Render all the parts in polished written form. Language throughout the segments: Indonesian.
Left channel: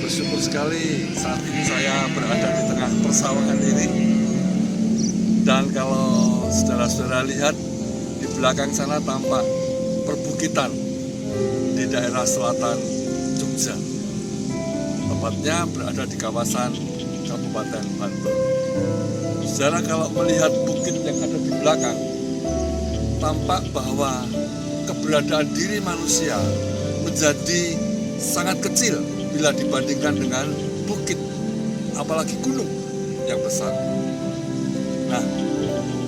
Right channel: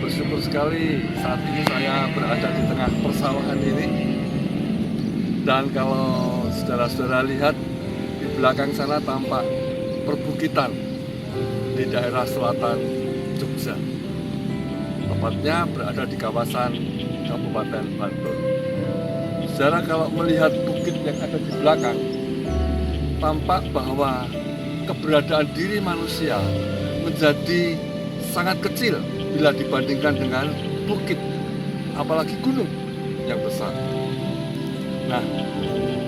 bersyukur sekali saat ini saya berada di tengah persawahan ini. Dan kalau saudara-saudara lihat, di belakang sana tampak perbukitan di daerah selatan Jogja. Tepatnya berada di kawasan Kabupaten Bantul. Saudara, kalau melihat bukit yang ada di belakang, tampak bahwa keberadaan diri manusia menjadi sangat kecil bila dibandingkan dengan bukit, apalagi gunung yang besar. Nah,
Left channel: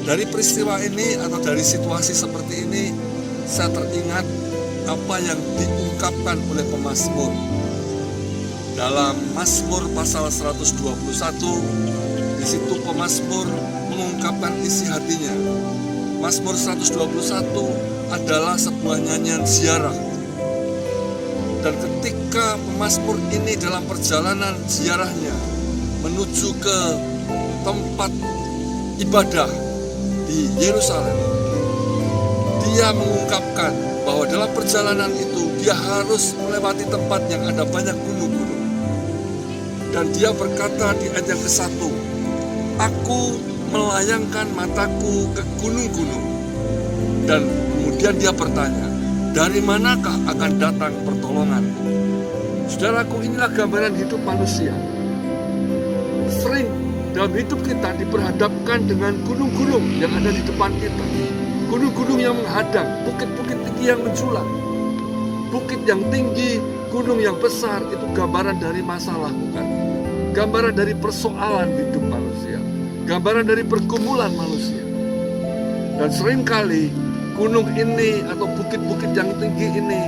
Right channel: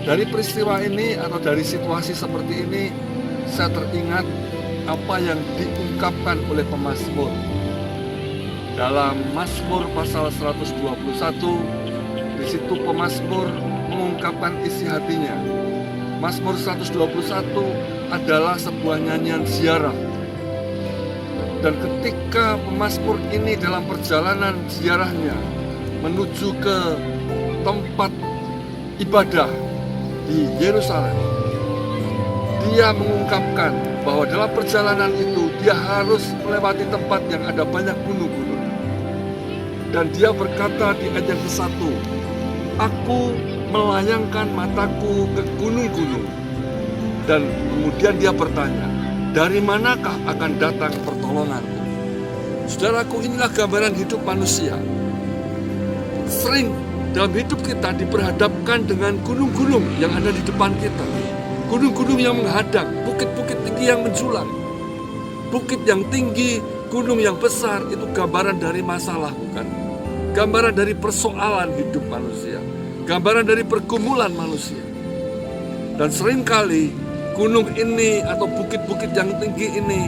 dari peristiwa ini atau dari situasi seperti ini, saya teringat apa yang diungkapkan oleh pemazmur. Dalam Mazmur pasal 121, di situ pemazmur mengungkapkan isi hatinya. Mazmur 121 adalah sebuah nyanyian ziarah. Dan ketika pemazmur ini dalam perjalanan ziarahnya menuju ke tempat ibadah di Yerusalem, dia mengungkapkan bahwa dalam perjalanan itu dia harus melewati tempat yang ada banyak gunung-gunung. Dan dia berkata di ayat yang ke-1, "Aku melayangkan mataku ke gunung-gunung." Dan kemudian dia bertanya, "Dari manakah akan datang pertolonganku?" Saudaraku, inilah gambaran hidup manusia. Sering dalam hidup kita diperhadapkan dengan gunung-gunung yang ada di depan kita. Gunung-gunung yang menghadang, bukit-bukit tinggi yang menjulang. Bukit yang tinggi, gunung yang besar, itu gambaran dari masalah, bukan? Gambaran dari persoalan hidup manusia. Gambaran dari pergumulan manusia. Dan seringkali gunung ini atau bukit-bukit yang tinggi ini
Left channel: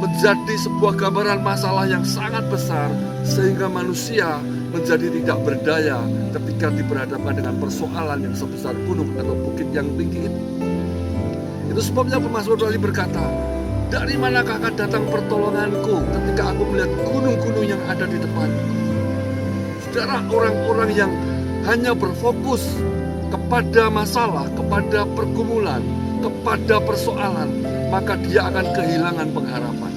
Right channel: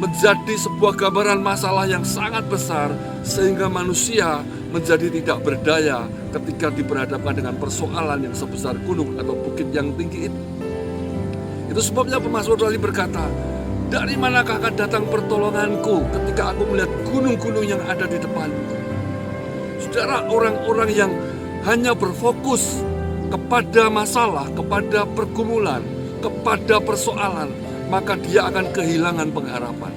menjadi sebuah gambaran masalah yang sangat besar, sehingga manusia menjadi tidak berdaya ketika diperhadapkan dengan persoalan yang sebesar gunung atau bukit yang tinggi itu. Itu sebabnya pemazmur tadi berkata, "Dari manakah akan datang pertolonganku ketika aku melihat gunung-gunung yang ada di depanku?" Saudara, orang-orang yang hanya berfokus kepada masalah, kepada pergumulan, kepada persoalan, maka dia akan kehilangan pengharapan.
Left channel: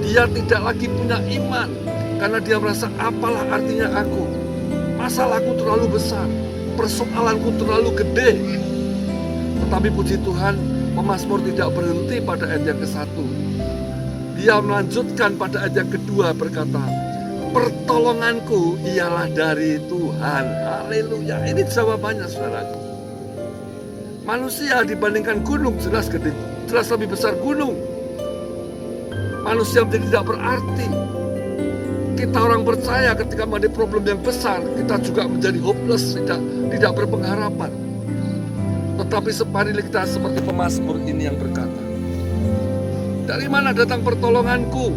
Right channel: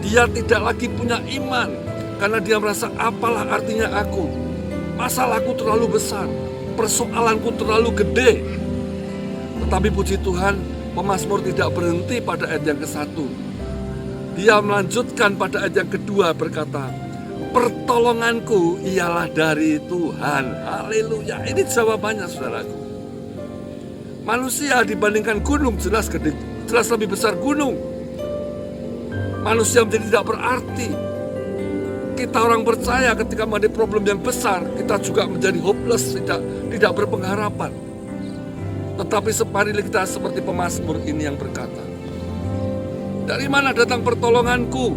Dia tidak lagi punya iman karena dia merasa, apalah artinya aku? Masalahku terlalu besar, persoalanku terlalu gede. Tetapi puji Tuhan, pemazmur tidak berhenti pada ayat yang ke-1. Dia melanjutkan pada ayat yang kedua berkata, "Pertolonganku ialah dari Tuhan." Haleluya. Ini jawabannya, saudaraku. Manusia dibandingkan gunung jelas gede, jelas lebih besar gunung. Manusia menjadi tidak berarti. Kita orang percaya ketika menghadapi problem yang besar, kita juga menjadi hopeless, tidak berpengharapan. Tetapi marilah kita seperti pemazmur ini yang berkata, "Dari mana datang pertolonganku?"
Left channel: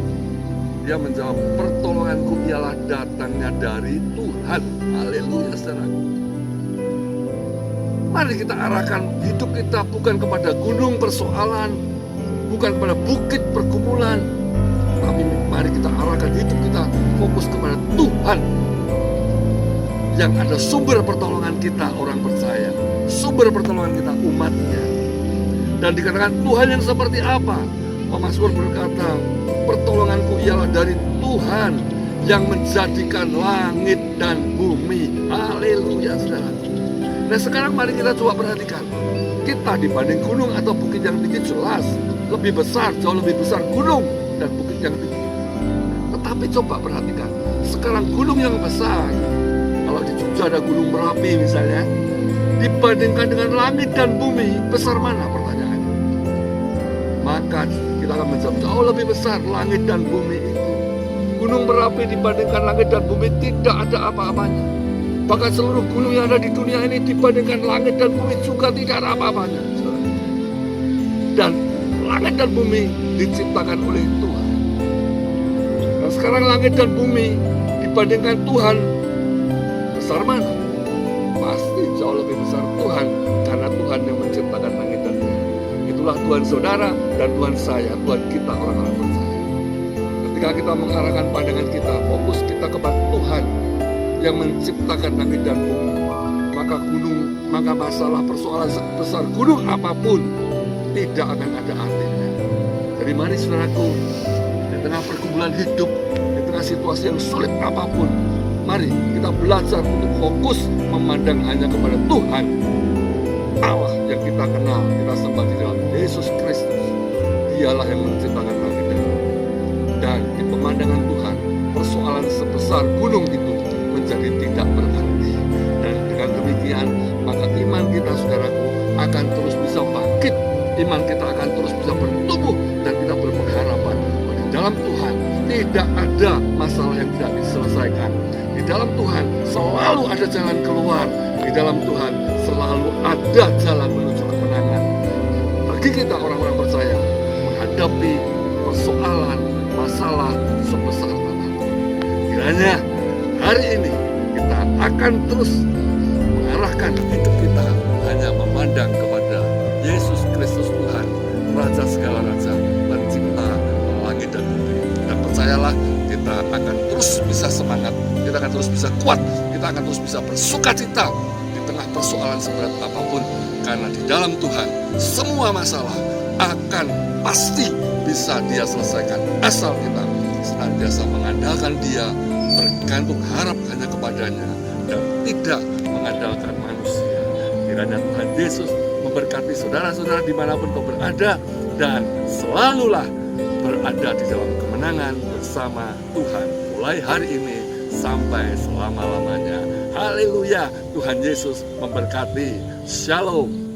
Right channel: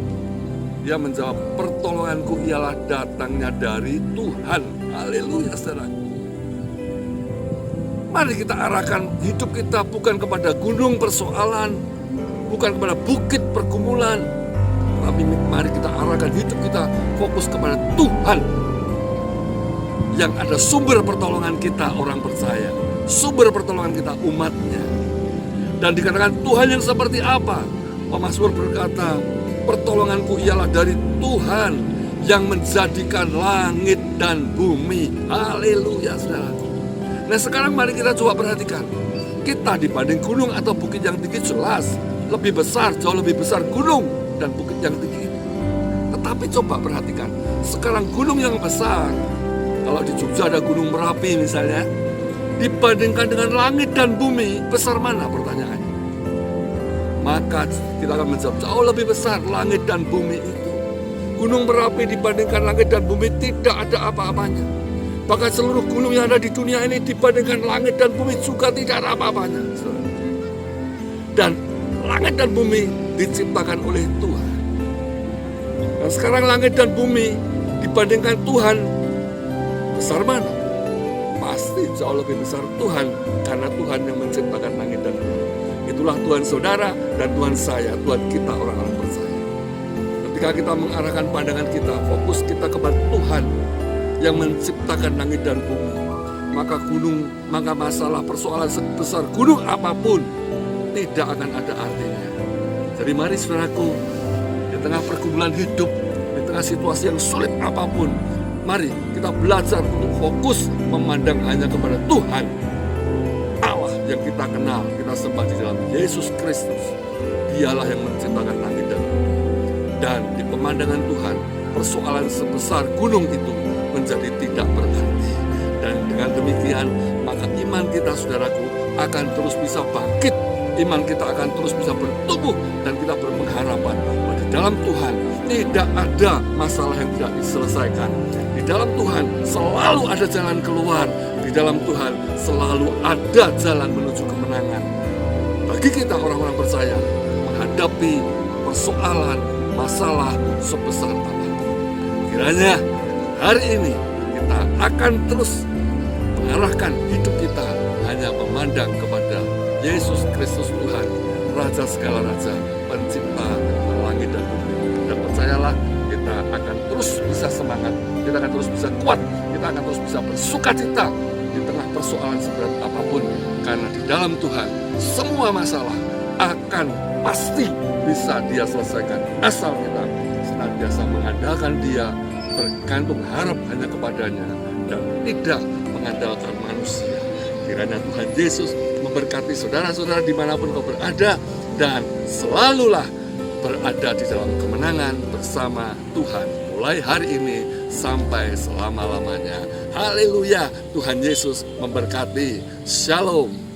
Dia menjawab, "Pertolonganku ialah datangnya dari Tuhan." Haleluya, saudara. Mari kita arahkan hidup kita bukan kepada gunung persoalan, bukan kepada bukit pergumulan, tapi mari kita arahkan hidup kita fokus kepada Tuhan yang ada sumber pertolongan kita orang percaya, sumber pertolongan kita umatnya. Dan dikatakan Tuhan yang seperti apa? Pemazmur berkata, "Pertolonganku ialah dari Tuhan yang menjadikan langit dan bumi." Haleluya, saudara. Nah, sekarang mari kita coba perhatikan. Kita dibanding gunung atau bukit yang tinggi jelas lebih besar, jauh lebih besar gunung dan bukit yang tinggi. Tetapi coba perhatikan, sekarang gunung yang besar, kalau di Jogja ada Gunung Merapi misalnya, dibandingkan dengan langit dan bumi, besar mana pertanyaannya? Maka kita akan menjawab, jauh lebih besar langit dan bumi itu. Gunung Merapi dibandingkan langit dan bumi tidak ada apa-apanya. Bahkan seluruh gunung yang ada di dunia ini dibandingkan langit dan bumi juga tidak ada apa-apanya. Dan langit dan bumi diciptakan oleh Tuhan. Dan sekarang langit dan bumi dibandingkan Tuhan, besar mana? Pasti jauh lebih besar Tuhan, karena Tuhan yang menciptakan langit dan bumi. Itulah Tuhan saudara dan Tuhan saya, Tuhan kita orang-orang percaya. Ketika kita mengarahkan pandangan kita, fokus kita kepada Tuhan yang menciptakan langit dan bumi, maka masalah persoalan sebesar gunung apapun tidak akan ada artinya. Jadi mari saudaraku, di tengah pergumulan hidup, di tengah situasi yang sulit apapun, mari kita belajar untuk fokus memandang hanya kepada Tuhan Allah yang kita kenal, kita sembah di dalam Yesus Kristus. Dialah yang menciptakan langit dan bumi. Dan di pemandangan Tuhan, persoalan sebesar gunung itu menjadi tidak berarti. Dan dengan demikian, maka iman kita, saudaraku, akan terus bisa bangkit. Iman kita akan terus bisa bertumbuh, dan kita berpengharapan bahwa di dalam Tuhan tidak ada masalah yang tidak diselesaikan. Di dalam Tuhan selalu ada jalan keluar. Di dalam Tuhan selalu ada jalan menuju kemenangan. Bagi kita orang-orang percaya, menghadapi persoalan, masalah sebesar apapun, kiranya hari ini kita akan terus mengarahkan hidup kita hanya memandang kepada Yesus Kristus Tuhan, Raja segala raja, pencipta langit dan bumi. Dan percayalah, kita akan terus bisa semangat, kita akan terus bisa kuat, kita akan terus bisa bersukacita di tengah persoalan seberat apapun. Karena di dalam Tuhan semua masalah akan pasti bisa Dia selesaikan, asal kita senantiasa mengandalkan Dia, bergantung harap hanya kepadanya, dan tidak mengandalkan manusia. Kiranya Tuhan Yesus memberkati saudara-saudara dimanapun kau berada, dan selalulah berada di dalam kemenangan bersama Tuhan, mulai hari ini sampai selama-lamanya. Haleluya, Tuhan Yesus memberkati. Shalom.